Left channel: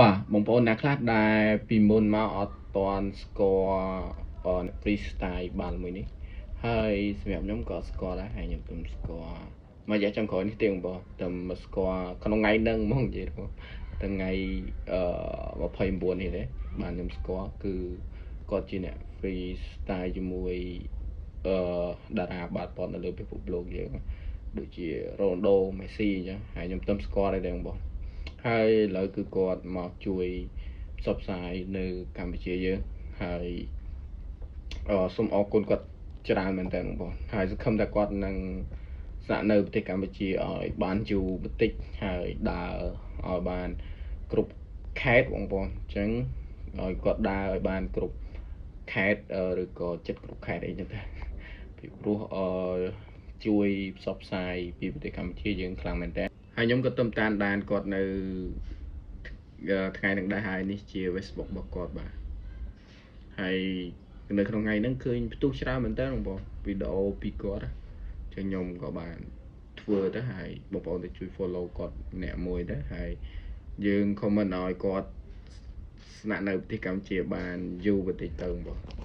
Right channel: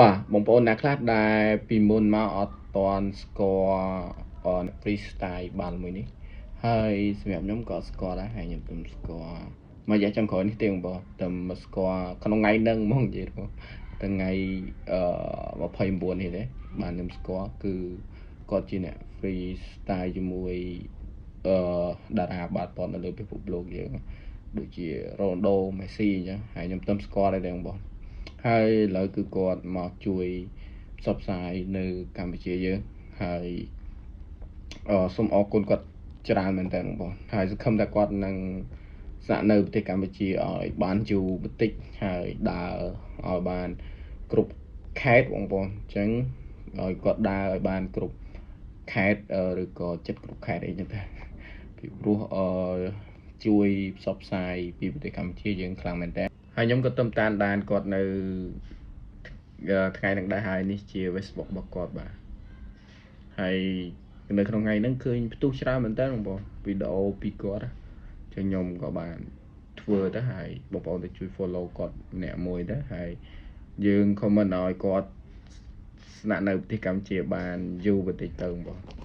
បាទបងប្អូនអ្នកខ្លះដែលពីមុនមកអត់តាន់ស្គាល់freestyle បាល់មួយនេះហើយសម្រាប់ខ្ញុំក៏ស្គាល់ដែរហើយខ្ញុំទំស្គាល់មួយរយៈចុងក្រោយនេះទេបងប្អូនតែមកស្គាល់ក្នុងថ្ងៃហ្នឹងហ្មងនិយាយទៅថ្ងៃ29នេះទេបានខ្ញុំស្គាល់គឺគាត់ជាអ្នក freestyle ជាមួយតារាបាល់ទាត់នៅលើពិភពលោកយើងដូចជា Ronaldo Messi អញ្ចឹងហើយខ្ញុំទំស្គាល់ដែរបងប្អូនហើយឥឡូវគឺគាត់មកជួយផ្សព្វផ្សាយនៅកម្ពុជាយើងហើយសូមអរគុណគាត់ច្រើនមែនតើបងប្អូនហើយសង្ឃឹមថាគាត់នឹងស្នាក់នៅប្រទេសកម្ពុជាឲ្យបានយូរបន្តិចហើយដើរឲ្យបានគ្រប់ខេត្តបងប្អូនអញ្ចឹងឲ្យគាត់ដើរឲ្យបានគ្រប់ខេត្តឬក៏ចិត្តគ្រប់ខេត្តអីហ្នឹងដែរពីព្រោះជួយផ្សព្វផ្សាយពីប្រទេសកម្ពុជាយើងខ្លាំងមែនតើហើយខ្ញុំក៏តាមដានគាត់នៅថ្ងៃហ្នឹងដែរហើយនេះជា Facebook របស់គាត់បាទហើយនៅក្នុងថ្ងៃហ្នឹងឃើញផ្ទុះច្រើនមែនតើបងប្អូនវីដេអូពីគាត់ចឹងខ្ញុំក៏បានធ្វើទៅហើយបងប្អូនទៅជួយ follow គាត់ម្នាក់មួយទៅហើយយើង comment ឲ្យគាត់ស្នាក់នៅប្រទេសកម្ពុជាបានយូរបន្តិចទៅបងប្អូន